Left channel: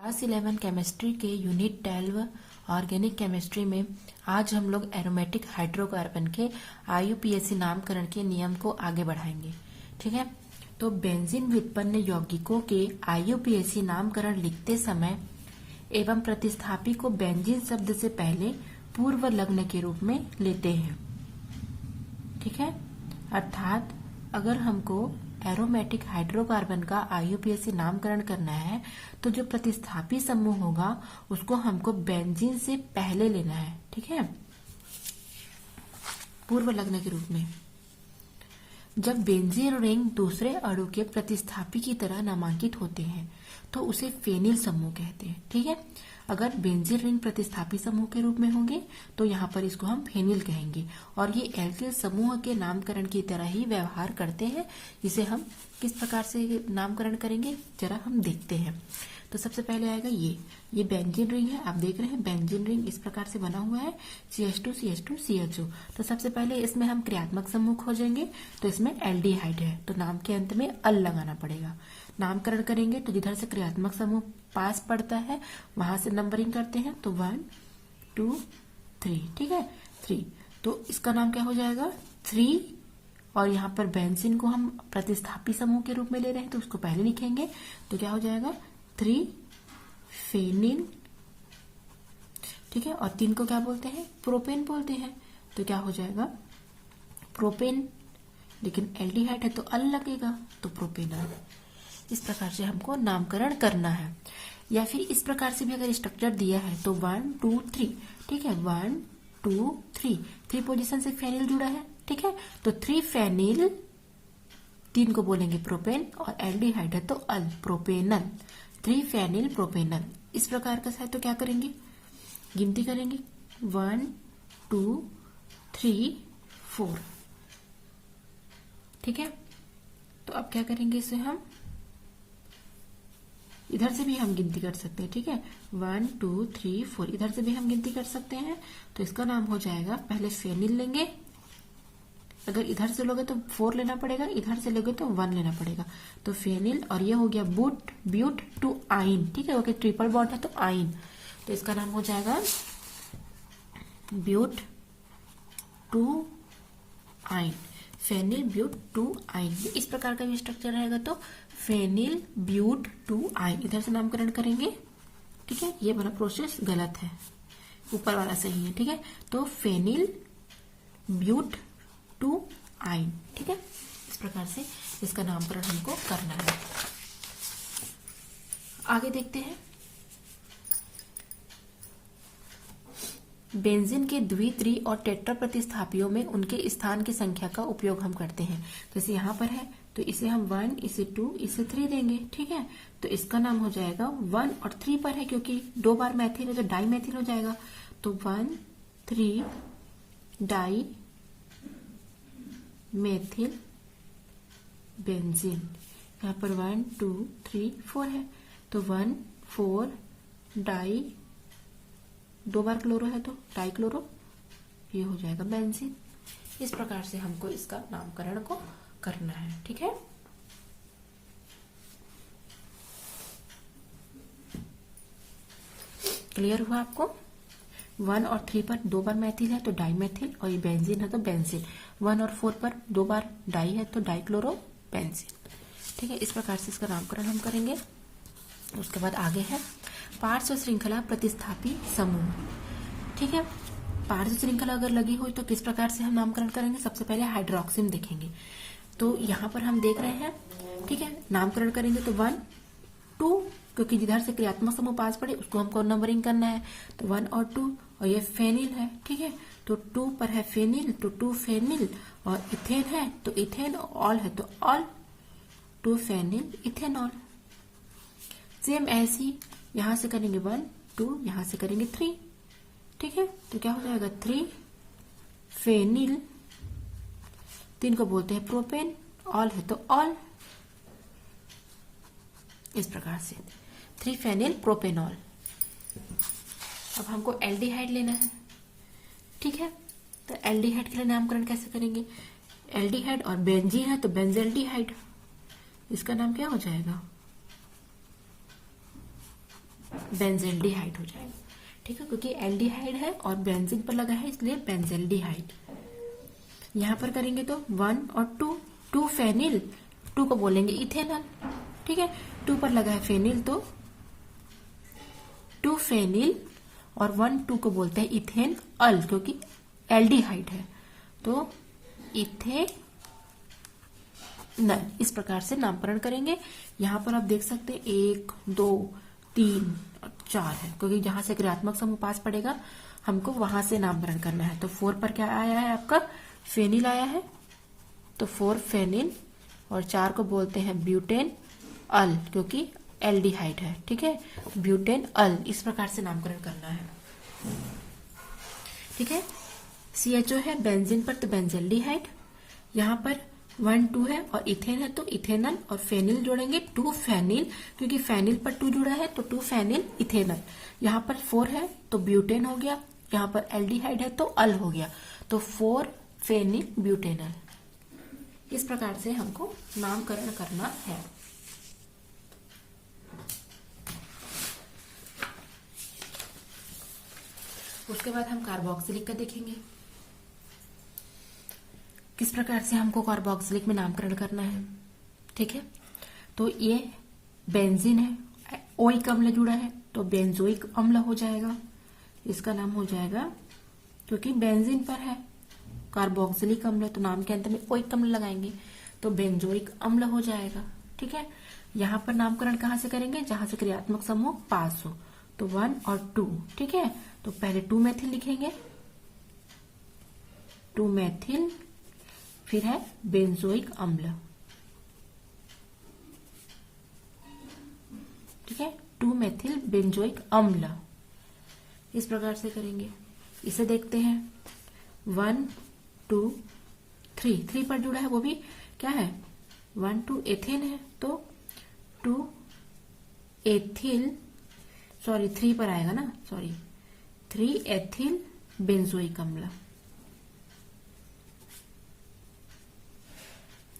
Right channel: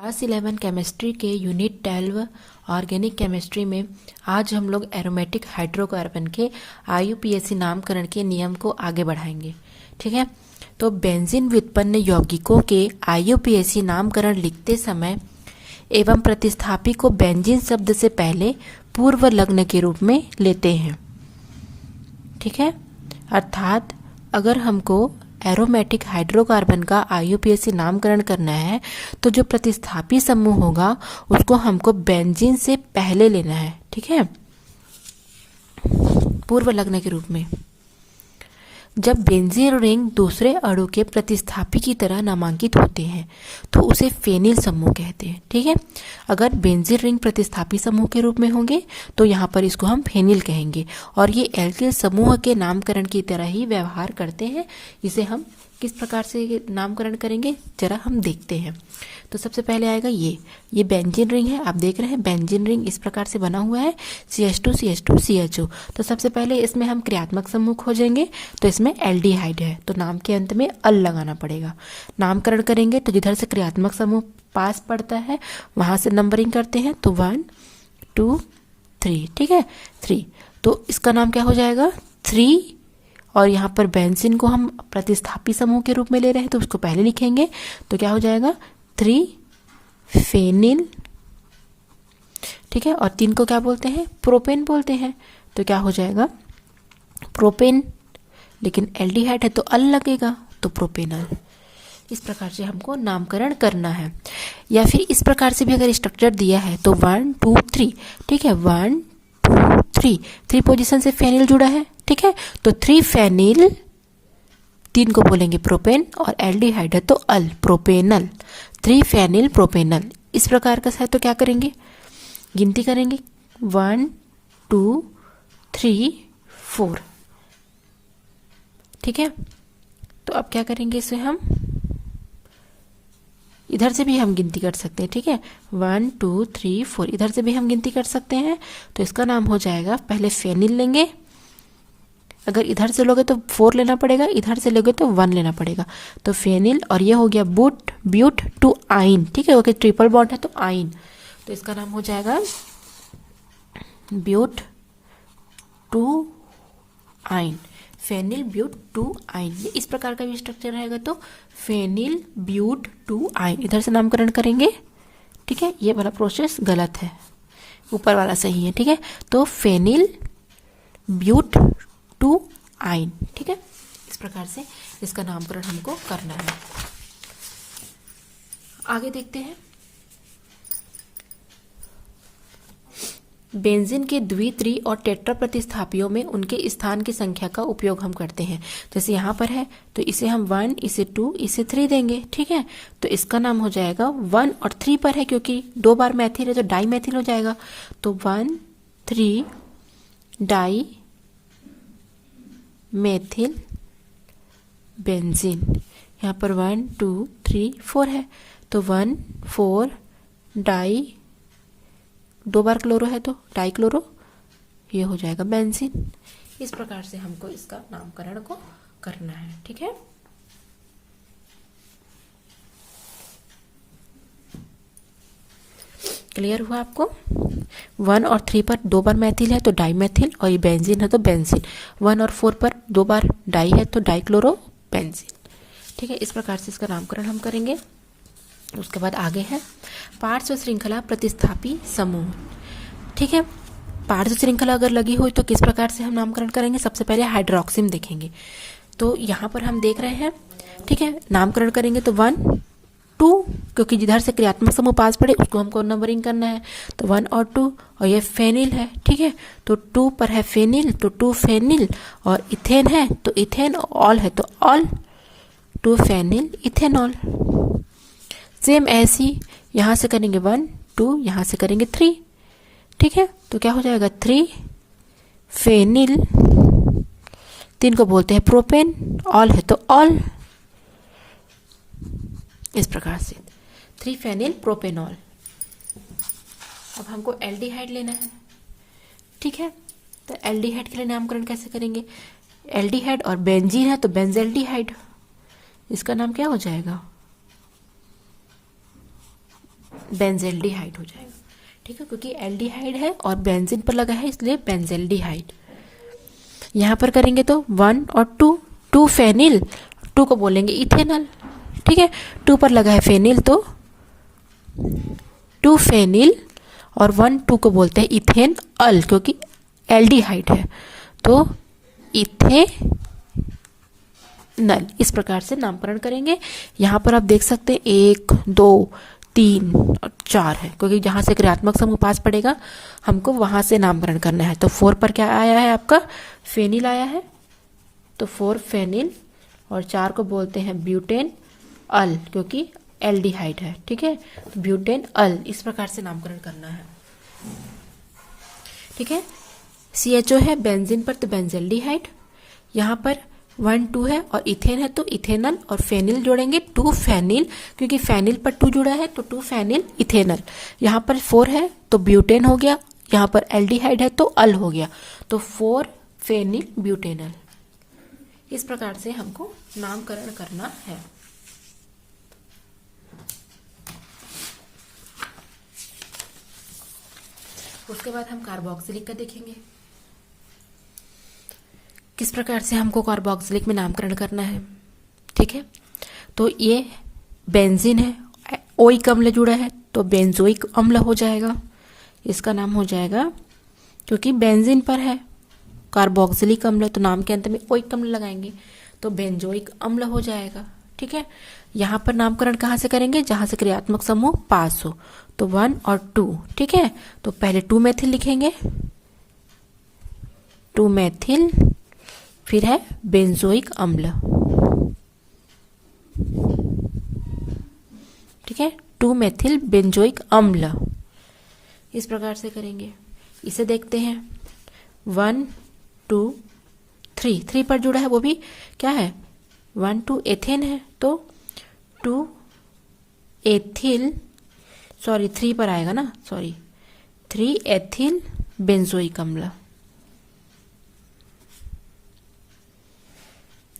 Class 11 chemistry के unit 12 organic chemistry में आज हम लोग एरोमेटिक हाइड्रोकार्बन के आईयूपीएसी नामकरण के नियम को आगे बढ़ाएंगे। ठीक है, तो बेंजीन व्युत्पन्न यौगिकों के आईयूपीएसी नामकरण लिखते समय एवं प्रतिस्थापी को बेंजीन शब्द से पहले पूर्व लग्न के रूप में लेते हैं। ठीक है, अर्थात अगर हमको एरोमेटिक हाइड्रोकार्बन का आईयूपीएसी नामकरण करना है तो जो प्रतिस्थापी समूह होगा उसको हमको बेंजीन से पहले लेना है। ठीक है, पूर्व लग्न के रूप में। जब बेंजीन रिंग दूसरे अणु के प्रतिस्थापी की तरह नामांकित होते हैं तो उसे फेनिल समूह कहते हैं। ठीक है, अगर बेंजीन रिंग प्रतिस्थापी समूह के रूप में होंगे तो यहाँ पर इसको हम फेनिल कहेंगे और ये एल्किल समूह के नामकरण की तरह ही व्यवहार करते हैं। इसे हम किस प्रकार से नामकरण करेंगे जरा हम देखते हैं। तो सबसे पहले आएगा ये बेंजीन रिंग है। आप देख रहे हैं बेंजीन रिंग इस प्रकार से बना हुआ है CH2 CH2 CHO। तो सबसे पहले इसमें हम क्रियात्मक समूह खोजेंगे तो इसमें एल्डिहाइड है तो नाम के अंत में अल लगाना पड़ेगा। नामकरण करेंगे तो जिधर से क्रियात्मक समूह पास पड़ता है वहां से नंबरिंग करते हैं तो 1 2 3। ठीक है, 3 तो इसका नाम क्या हो जाएगा 3। और यहाँ पर बेंजीन को हम प्रतिस्थापी समूह के रूप में ले रहे हैं तो उसको पहले लिखेंगे तो क्या हो जाएगा 3 फेनिल। ठीक है, और 3 को क्या बोलते हैं प्रोपेन बोलते हैं तो क्या हो जाएगा प्रोपेन। लेकिन एल्डिहाइड है तो अल लगेगा तो प्रोपेनल। इस प्रकार से हमको नामकरण करना है। या फिर इस प्रकार से भी अगर स्ट्रक्चर दिया है तो 1 2 3। ठीक है, 1 2 3 पोजीशन से फेनिल जुड़ा है। ठीक है, तो 3 फेनिल, 3 को बोलेंगे प्रोपेन और एल्डिहाइड है तो अल प्रोपेनल। 3 phenyl propanal. इस प्रकार का है तो क्या करेंगे गिनती करेंगे 1 2 3 4। ठीक है, तो अब क्या करेंगे इसे हम इधर से भी हम गिनती कर सकते हैं। ठीक है, 1 2 3 4 इधर से भी हम गिनती कर सकते हैं। तो इसका नाम हो जाएगा पहले फेनिल लेंगे। अगर इधर से लोगे तो 4 लेना पड़ेगा, इधर से लोगे तो 1 लेना पड़ेगा। तो फेनिल और ये हो गया ब्यूट टू आइन। ठीक है, ओके, ट्रिपल बॉन्ड है तो आइन तो इसका नाम हो जाएगा but two yne. Phenyl but two yne. ये इस प्रकार का भी स्ट्रक्चर रहेगा तो फेनिल ब्यूट टू आइन इधर से नामकरण करेंगे। ठीक है, ये वाला प्रोसेस गलत है, ऊपर वाला सही है। ठीक है, तो फेनिल ब्यूट टू आइन। ठीक है, इस प्रकार से इसका नामकरण हमको करना है। आगे देखते हैं। बेंजीन के द्वि त्रि और टेट्रा प्रतिस्थापियों में उनके स्थान की संख्या का उपयोग हम करते हैं। जैसे यहाँ पर है तो इसे हम 1 इसे 2 इसे 3 देंगे। ठीक है, तो इसका नाम हो जाएगा 1 और 3 पर है क्योंकि 2 बार मैथिल है तो डाई मैथिल हो जाएगा। तो 1 3 डाई मेथिल बेंजीन। यहाँ पर 1 2 3 4 है तो 1 4 डाई, 2 बार क्लोरो है तो डाई क्लोरो, ये हो जाएगा बेंजीन। इस प्रकार से हमको इसका नामकरण को करना है। ठीक है, क्लियर हुआ आपको। 1 और 3 पर 2 बार मैथिल है तो डाई मैथिल और ये बेंजीन है तो बेंजीन। 1 और 4 पर 2 बार डाई है तो डाई क्लोरो बेंजीन। ठीक है, इस प्रकार से इसका नामकरण हम करेंगे। उसके बाद आगे है पार्श्व श्रृंखला प्रतिस्थापी समूह। ठीक है, पार्श्व श्रृंखला अगर लगी हुई तो किस प्रकार से हम नामकरण करेंगे। सबसे पहले हाइड्रोक्सिम देखेंगे तो यहाँ पर हम देख रहे हैं। ठीक है, नामकरण करेंगे तो 1 2 क्योंकि जिधर से क्रियात्मक समूह पास पड़े उसको हमको नंबरिंग करना है तो 1 और 2 और ये फेनिल है। ठीक है, तो 2 पर है फेनिल तो 2 फेनिल और इथेन है तो इथेन, ऑल है तो ऑल 2 फेनिल इथेनॉल। सेम ऐसी यहाँ से करेंगे 1 2 यहाँ से करेंगे 3। ठीक है, तो क्या हो जाएगा 3 फेनिल, 3 को बोलते हैं प्रोपेन, ऑल है तो ऑल। इस प्रकार से 3 फेनिल प्रोपेनॉल। अब हमको एल्डिहाइड लेना है। ठीक है, तो एल्डिहाइड के लिए नामकरण कैसे करेंगे। एल्डिहाइड और बेंजीन है तो बेंजेल्डिहाइड। इसका नाम क्या हो जाएगा बेंजेल्डिहाइड हो जाएगा। ठीक है, क्योंकि एल्डिहाइड है और बेंजीन पर लगा है इसलिए बेंजेल्डिहाइड। यहाँ पर करेंगे तो 1 और 2, 2 फेनिल, 2 को बोलेंगे इथेनॉल। ठीक है, 2 पर लगा है फेनिल तो 2 फेनिल, और 1 2 को बोलते हैं इथेन अल, क्योंकि एल्डिहाइड है तो इथेनल। इस प्रकार से नामकरण करेंगे। यहाँ पर आप देख सकते हैं 1 2 3 और 4 है, क्योंकि जहाँ से क्रियात्मक समूह पास पड़ेगा हमको वहाँ से नामकरण करना है। तो 4 पर क्या आया है आपका, फेनिल आया है, तो 4 फेनिल, और 4 को बोलते हैं ब्यूटेन अल, क्योंकि एल्डिहाइड है। ठीक है, तो ब्यूटेन अल, इस प्रकार से नामकरण करना है। ठीक है, CHO है बेंजीन पर तो बेंजेल्डिहाइड, यहाँ पर 1 2 है और इथेन है तो इथेनल, और फेनिल जोड़ेंगे 2 फेनिल, क्योंकि फेनिल पर 2 जुड़ा है तो 2 फेनिल इथेनल। यहाँ पर 4 है तो ब्यूटेन हो गया, यहाँ पर एल्डिहाइड है तो अल हो गया, तो 4 फेनिल ब्यूटेनल। इस प्रकार से हमको नामकरण करना है। उसके बाद हम कार्बोक्सिलिक का देखेंगे, किस प्रकार से हमको कार्बोक्सिलिक में नामकरण करना है। ठीक है, तो ये बेंजीन है, ओइक अम्ल जुड़ा है तो बेंजोइक अम्ल हो जाएगा, इसका नाम हो जाएगा, क्योंकि बेंजीन पर है कार्बोक्सिलिक अम्ल तो नाम के अंत में ओइक अम्ल लगाएंगे तो बेंजोइक अम्ल हो जाएगा। ठीक है, यहाँ पर नामकरण कहाँ से करेंगे, जहाँ से क्रियात्मक समूह पास हो, तो 1 और 2। ठीक है, तो पहले 2 मेथिल लिखेंगे, 2 मेथिल, फिर है बेंजोइक अम्ल। ठीक है, 2 मेथिल बेंजोइक अम्ल, इस प्रकार से करेंगे। इसे देखते हैं 1 2 3, 3 पर जुड़ा है, वो भी क्या है 1 2 एथेन है तो 2 एथिल, सॉरी 3 पर आएगा ना, सॉरी 3 एथिल बेंजोइक अम्ल।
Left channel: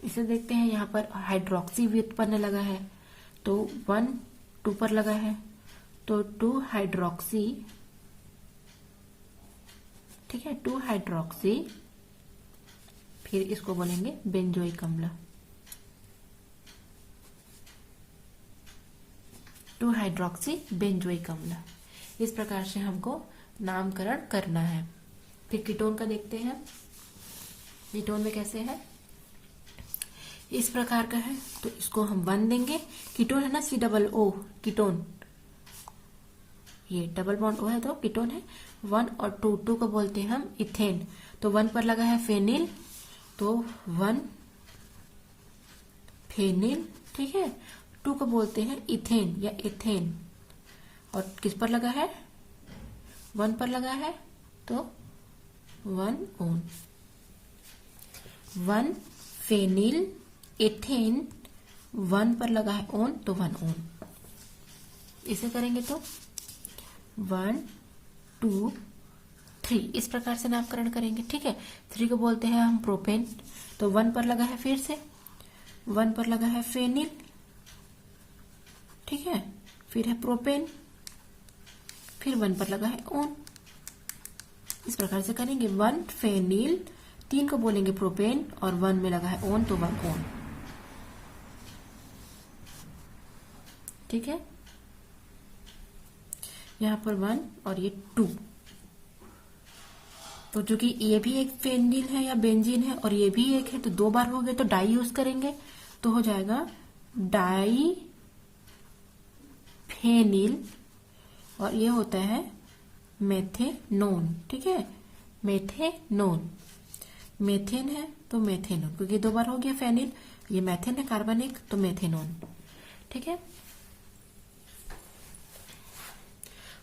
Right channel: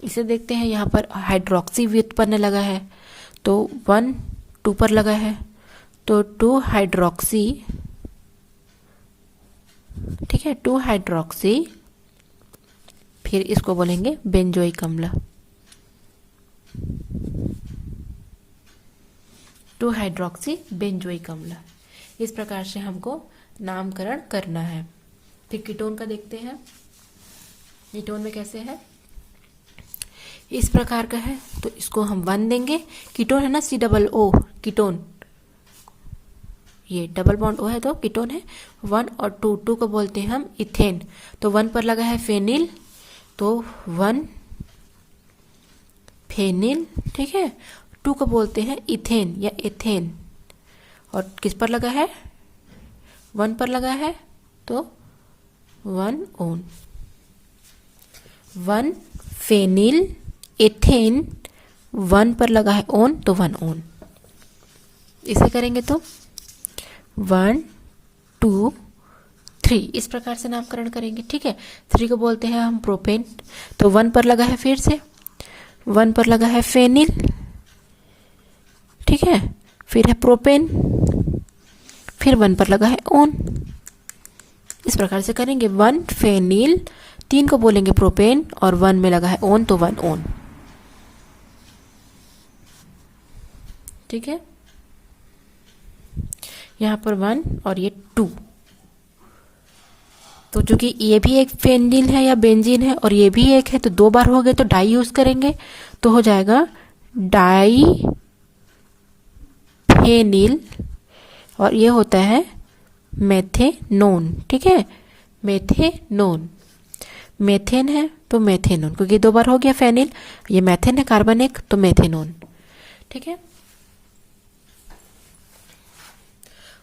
इसे देखते हैं, यहाँ पर हाइड्रोक्सी व्युत्पन्न लगा है तो 1 2 पर लगा है तो 2 हाइड्रोक्सी। ठीक है, 2 हाइड्रोक्सी, फिर इसको बोलेंगे बेंजोइक अम्ल, 2 हाइड्रोक्सी बेंजोइक अम्ल। इस प्रकार से हमको नामकरण करना है। फिर कीटोन का देखते हैं, कीटोन में कैसे है, इस प्रकार का है तो इसको हम 1 देंगे। कीटोन है ना, COO कीटोन, ये डबल बॉन्ड O है तो कीटोन है। 1 और 2, 2 को बोलते हैं हम इथेन, तो 1 पर लगा है फेनिल तो 1 फेनिल। ठीक है, 2 को बोलते हैं इथेन या एथेन, और किस पर लगा है, 1 पर लगा है तो 1 ओन, 1 फेनिल एथेन, 1 पर लगा है ओन तो 1 ओन। इसे करेंगे तो 1 2 3, इस प्रकार से नामकरण करेंगे। ठीक है, 3 को बोलते हैं हम प्रोपेन, तो 1 पर लगा है, फिर से 1 पर लगा है फेनिल। ठीक है, फिर है प्रोपेन, फिर 1 पर लगा है ओन। इस प्रकार से करेंगे 1 फेनिल, 3 को बोलेंगे प्रोपेन, और 1 में लगा है ओन तो 1 ओन। ठीक है, यहाँ पर 1 और ये 2, तो चूंकि ये भी एक फेनिल है या बेंजीन है और ये भी एक है तो 2 बार हो गए तो डाई यूज करेंगे तो हो जाएगा डाई फेनिल, और ये होता है मेथेनोन। ठीक है, मेथेनोन, मेथेन है तो मेथेनोन, क्योंकि 2 बार हो गया फेनिल, ये मेथेन है कार्बन एक तो मेथेनोन। ठीक है,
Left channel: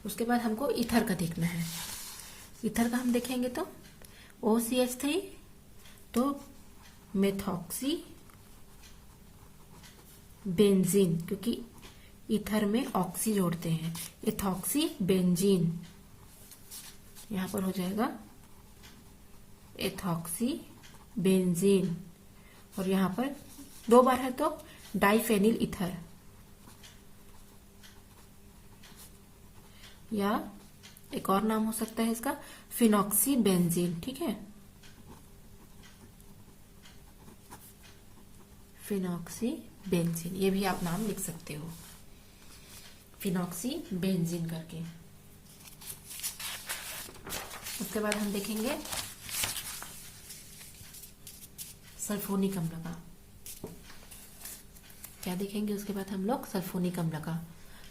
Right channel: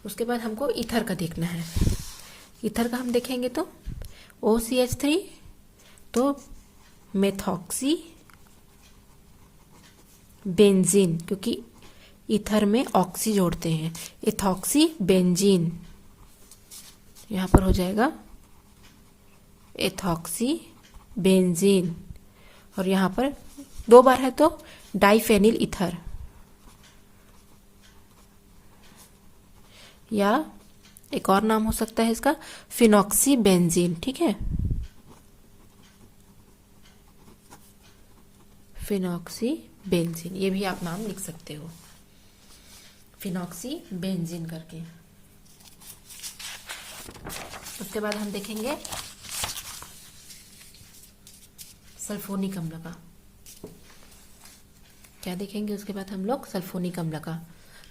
उसके बाद हमको ईथर का देखना है। ईथर का हम देखेंगे तो OCH3 तो मेथॉक्सी बेंजीन, क्योंकि ईथर में ऑक्सी जोड़ते हैं, इथॉक्सी बेंजीन, यहाँ पर हो जाएगा इथॉक्सी बेंजीन, और यहाँ पर 2 बार है तो डाइफेनिल ईथर। या एक और नाम हो सकता है इसका फिनॉक्सीबेंजीन, ठीक है, फिनॉक्सीबेंजीन, ये भी आप नाम लिख सकते हो, फिनॉक्सीबेंजीन करके। उसके बाद हम देखेंगे सल्फोनिक अम्ल का, क्या देखेंगे उसके बाद हम लोग सल्फोनिक अम्ल का।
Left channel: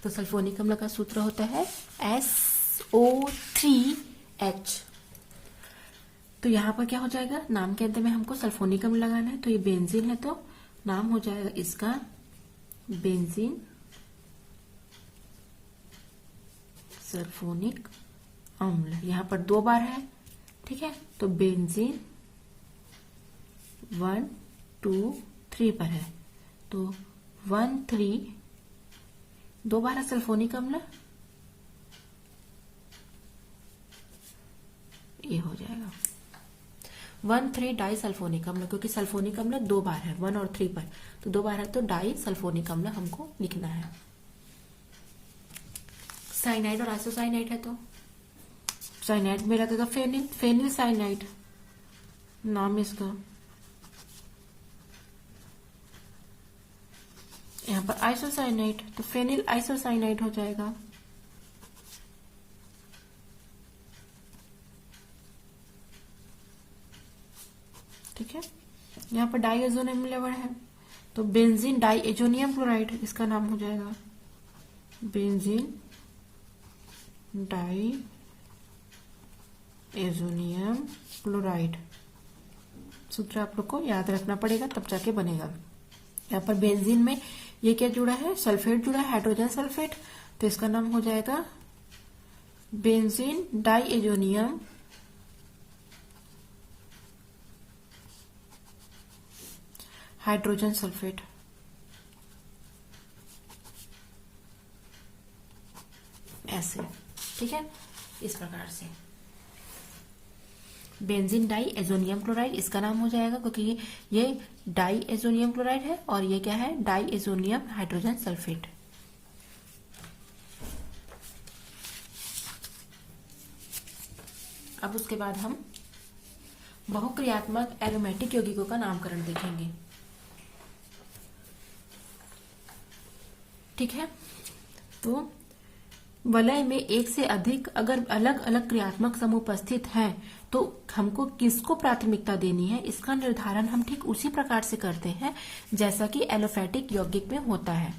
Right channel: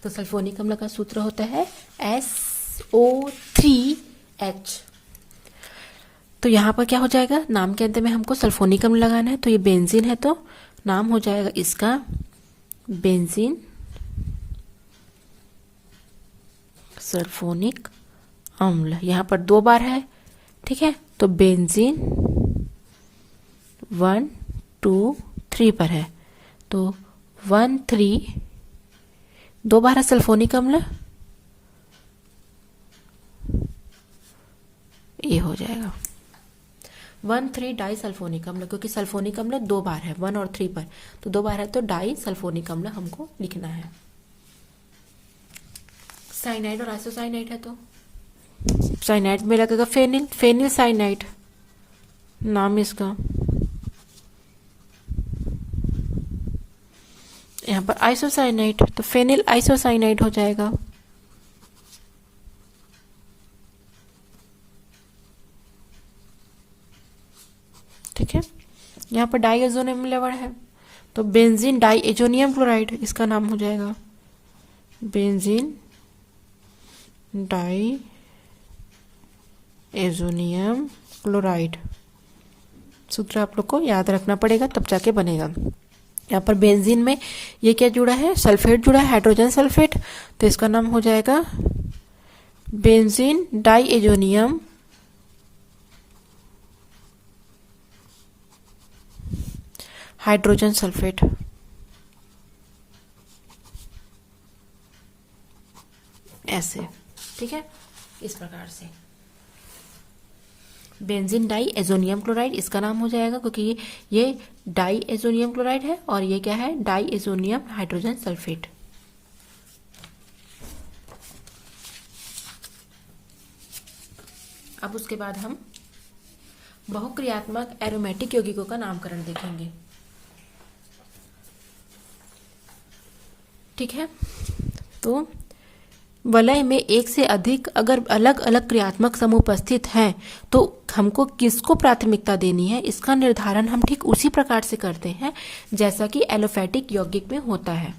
तो सल्फोनिक अम्ल का सूत्र होता है SO3H। तो यहाँ पर क्या हो जाएगा, नाम के अंत में हमको सल्फोनिक अम्ल लगाना है, तो ये बेंजीन है तो नाम हो जाएगा इसका बेंजीन सल्फोनिक अम्ल। यहाँ पर 2 बार है, ठीक है, तो बेंजीन 1 2 3 पर है, तो 1 3 2 बार है सल्फोनिक अम्ल, ये हो जाएगा 1 3 डाई सल्फोनिक अम्ल, क्योंकि सल्फोनिक अम्ल 2 बार है 1 और 3 पर, तो 2 बार है तो डाई सल्फोनिक अम्ल हमको लिखना है। साइनाइड और आइसोसाइनाइड है, तो साइनाइड में लगेगा फेनिल, फेनिल साइनाइड नाम इसका। यहाँ पर आइसोसाइनाइड, तो फेनिल आइसोसाइनाइड हो जाएगा। ठीक है, यहाँ पर डाइएजोनियम लेवल है, तो बेंजीन डाइएजोनियम क्लोराइड इसका नाम हो जाएगा, बेंजीन डाइएजोनियम क्लोराइड। सूत्र आप लोग को याद रखना पड़ेगा, तब जाके बनेगा। यहाँ पर बेंजीन में ये क्या जुड़ा है, सल्फेट जुड़ा है, हाइड्रोजन सल्फेट, तो इसका नाम हो जाएगा बेंजीन डाइएजोनियम हाइड्रोजन सल्फेट। ऐसे, ठीक है, इस प्रकार से बेंजीन डाइएजोनियम क्लोराइड इसका नाम हो जाएगा, क्योंकि ये डाइएजोनियम क्लोराइड है और ये क्या है, डाइएजोनियम हाइड्रोजन सल्फेट। अब उसके बाद हम बहुक्रियात्मक एरोमेटिक यौगिकों का नामकरण देखेंगे। ठीक है, तो वलय में एक से अधिक अगर अलग अलग क्रियात्मक समूह उपस्थित हैं तो हमको किसको प्राथमिकता देनी है, इसका निर्धारण हम ठीक उसी प्रकार से करते हैं जैसा कि एलोफैटिक यौगिक में होता है।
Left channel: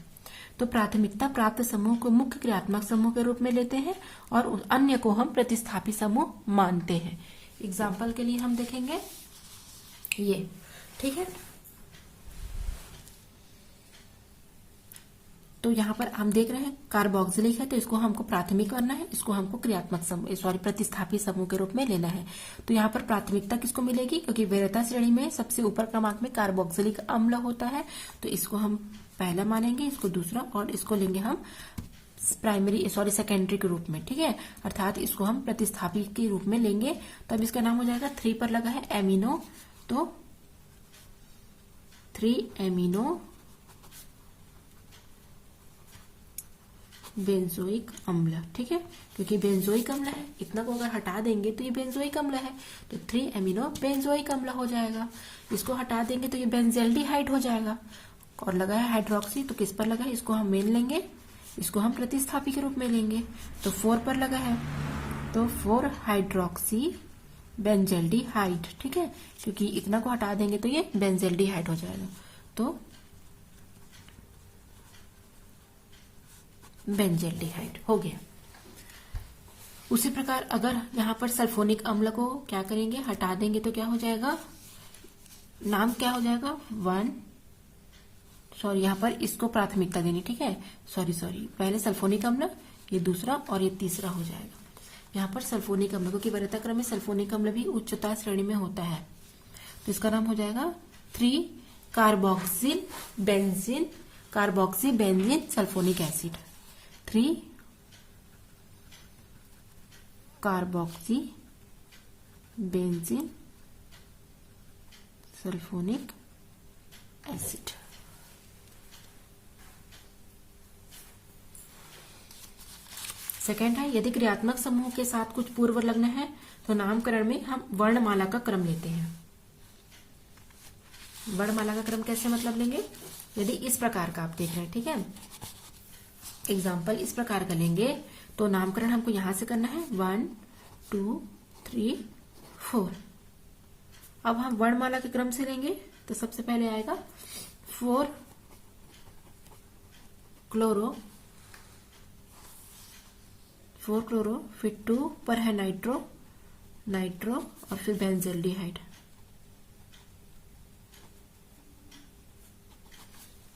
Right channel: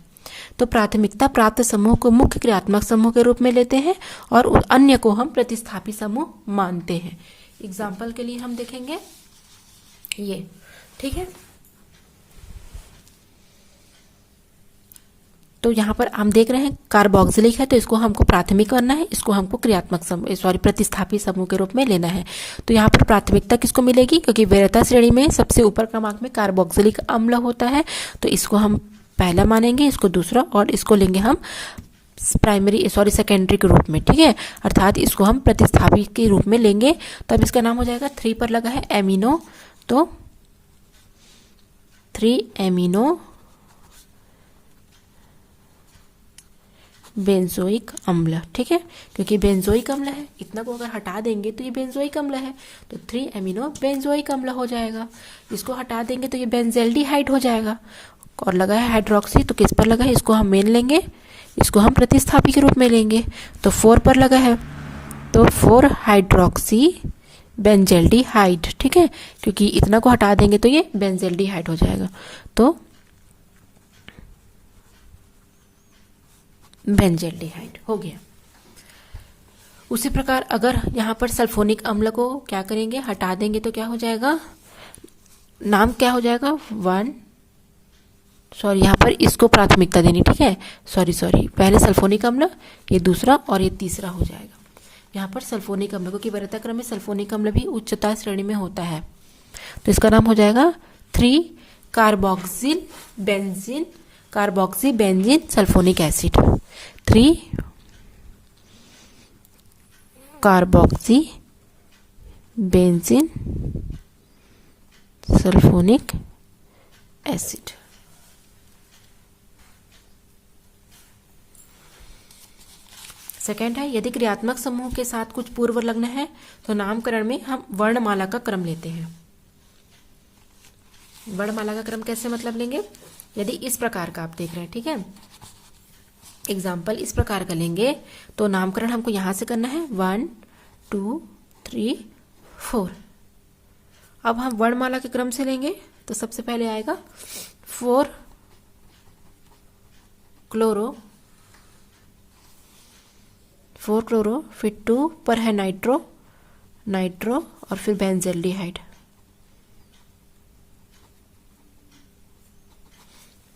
तो प्राथमिकता प्राप्त समूह को मुख्य क्रियात्मक समूह के रूप में लेते हैं और अन्य को हम प्रतिस्थापी समूह मानते हैं। एग्जाम्पल के लिए हम देखेंगे ये, ठीक है, तो यहाँ पर हम देख रहे हैं कार्बोक्सिलिक है, तो इसको हमको प्राथमिक करना है, इसको हमको क्रियात्मक समूह प्रतिस्थापी समूह के रूप में लेना है। तो यहाँ पर प्राथमिकता किसको मिलेगी, क्योंकि वरीयता श्रेणी में सबसे ऊपर क्रमांक में कार्बोक्सिलिक अम्ल होता है, तो इसको हम पहला मानेंगे, इसको दूसरा, और इसको लेंगे हम सेकेंडरी के रूप में, ठीक है, अर्थात इसको हम प्रतिस्थापी के रूप में लेंगे। तो अब इसका नाम हो जाएगा, 3 पर लगा है एमिनो, तो 3 एमिनो बेंजोइक अम्ल, ठीक है, क्योंकि बेंजोइक अम्ल है, इतना को अगर हटा देंगे तो ये बेंजोइक अम्ल है, तो 3 एमिनो बेंजोइक अम्ल हो जाएगा। इसको हटा देंगे तो ये बेंजेल्डिहाइड हो जाएगा, और लगा है हाइड्रोक्सी, तो किस पर लगा है, इसको हम मेन लेंगे, इसको हम प्रतिस्थापी के रूप में लेंगे, तो 4 पर लगा है, तो 4 हाइड्रोक्सी बेंजेल्डिहाइड, ठीक है, क्योंकि इतना को हटा देंगे तो ये बेंजेल्डिहाइड हो जाएगा, तो बेंजेल्डिहाइड हो गया। उसी प्रकार अगर यहाँ पर सल्फोनिक अम्ल को क्या करेंगे, हटा देंगे तो क्या हो जाएगा, नाम क्या हो जाएगा, यहाँ पर इसको प्राथमिकता देनी, ठीक है, पहले सल्फोनिक अम्ल, ये दूसरा और ये तीसरा हो जाएगा। यहाँ पर सल्फोनिक अम्ल, क्योंकि वरीयता क्रम में सल्फोनिक अम्ल भी उच्चता श्रेणी में होता है, तो इसका नाम हो जाएगा 3 carboxy benzene sulphonic acid, 3 carboxy benzene sulphonic acid. Second है, यदि क्रियात्मक समूह के साथ कुछ पूर्व लग्न है तो नामकरण में हम वर्णमाला का क्रम लेते हैं। वर्णमाला का क्रम कैसे मतलब लेंगे, यदि इस प्रकार का आप देख रहे हैं, ठीक है, एग्जाम्पल इस प्रकार का लेंगे तो नामकरण हमको यहां से करना है 1 2 3 4। अब हम वर्णमाला के क्रम से लेंगे तो सबसे पहले आएगा 4 क्लोरो, फिर 2 पर है नाइट्रो और फिर बेंजल्डिहाइड।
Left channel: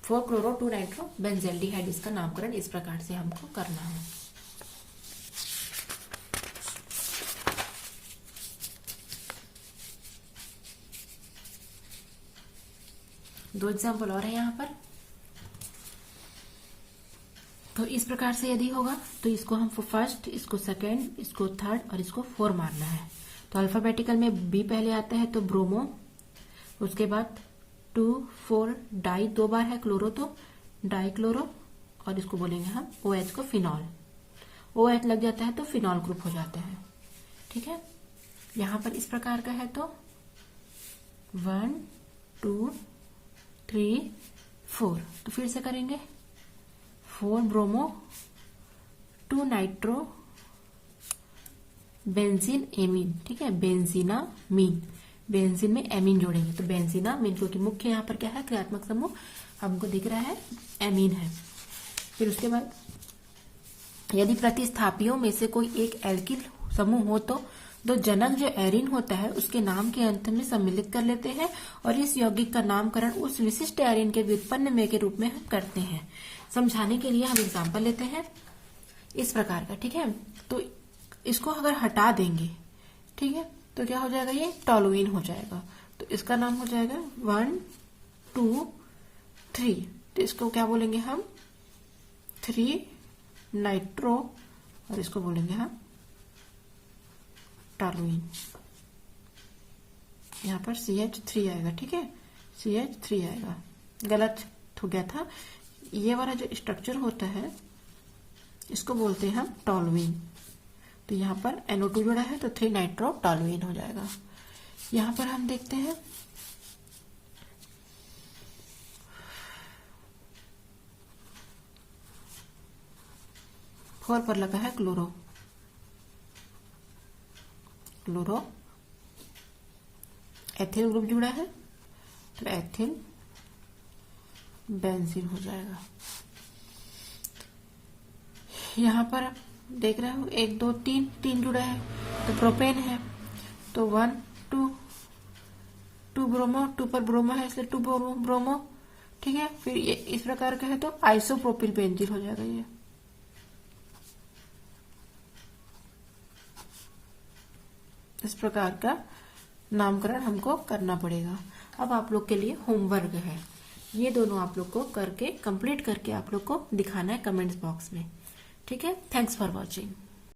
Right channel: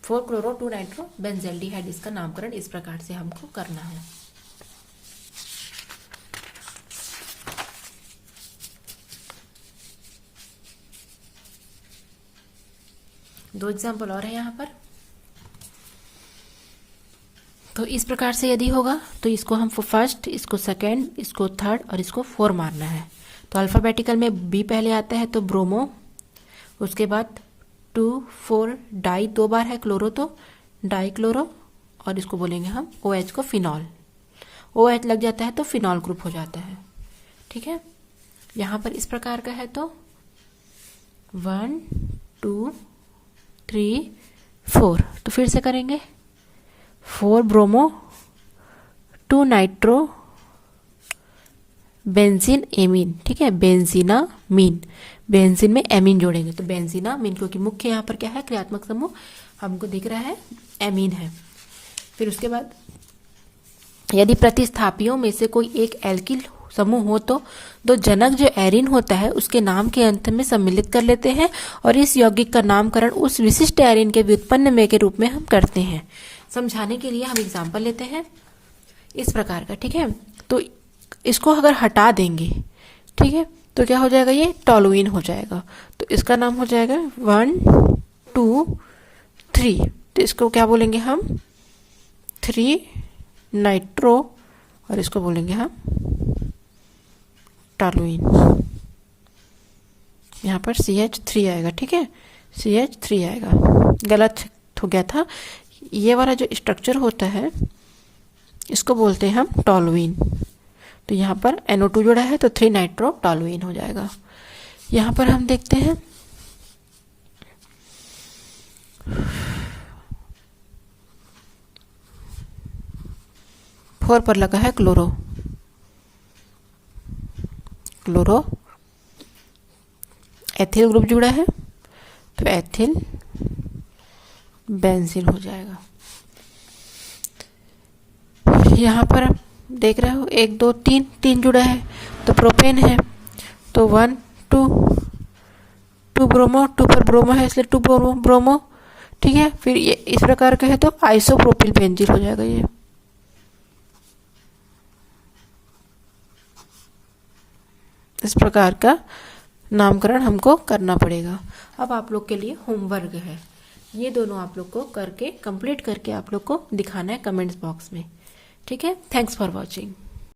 4 क्लोरो 2 नाइट्रो बेंजल्डिहाइड, इसका नामकरण इस प्रकार से हमको करना है। दो एग्जाम्पल और है यहाँ पर। तो इस प्रकार से यदि होगा तो इसको हम फर्स्ट, इसको सेकेंड, इसको थर्ड और इसको 4 मारना है। तो अल्फाबेटिकल में बी पहले आता है तो ब्रोमो, उसके बाद 2 4 डाई, 2 बार है क्लोरो तो डाई क्लोरो, और इसको बोलेंगे हम OH को फिनॉल। OH लग जाता है तो फिनॉल ग्रुप हो जाता है, ठीक है। यहाँ पर इस प्रकार का है तो 1 2 3 4, तो फिर से करेंगे 4 ब्रोमो 2 नाइट्रो बेंजीन एमीन, ठीक है, बेंजीनामीन, बेंजीन में एमीन जोड़ेंगे तो बेंजीनामीन, क्योंकि मुख्य यहाँ पर क्या है, क्रियात्मक समूह हमको दिख रहा है एमीन है। फिर उसके बाद यदि प्रतिस्थापियों में से कोई एक एल्किल समूह हो तो जनक जो एरिन होता है उसके नाम के अंत में सम्मिलित कर लेते हैं और इस यौगिक का नामकरण उस विशिष्ट एरिन के व्युत्पन्न में के रूप में हम करते हैं। समझाने के लिए हम एग्जाम्पल लेते हैं इस प्रकार का, ठीक है। तो इसको अगर हटा देंगे, ठीक है, तो क्या हो जाएगा, ये टॉलुइन हो जाएगा। तो इसका नाम हो जाएगा 1 2 3, तो इसको क्या बोलेंगे हम 3 नाइट्रो और इसको बोलेंगे हम टॉलुइन। यहाँ पर CH3 आएगा, ठीक है, CH3 आएगा, गलत हो गया था। ये वाला जो स्ट्रक्चर होता है इसको बोलते हैं हम टॉलुइन। तो यहाँ पर NO2 जोड़ा है तो 3 नाइट्रो टॉलुइन हो जाएगा। यहाँ पर हम देखते हैं फोर पर लगा है क्लोरो एथिल ग्रुप जुड़ा है तो एथिल बेंजीन हो जाएगा। यहाँ पर आप देख रहे हो 1 2 3 जुड़ा है तो प्रोपेन है तो 1 2 ब्रोमो, 2 पर ब्रोमो है इसलिए 2 ब्रोमो, ठीक है। फिर ये इस प्रकार का है तो आइसोप्रोपिल बेंजीन हो जाएगा। ये इस प्रकार का नामकरण हमको करना पड़ेगा। अब आप लोग के लिए होमवर्क है, ये दोनों आप लोग को करके कंप्लीट करके आप लोग को दिखाना है कमेंट्स बॉक्स में, ठीक है। Thanks for watching.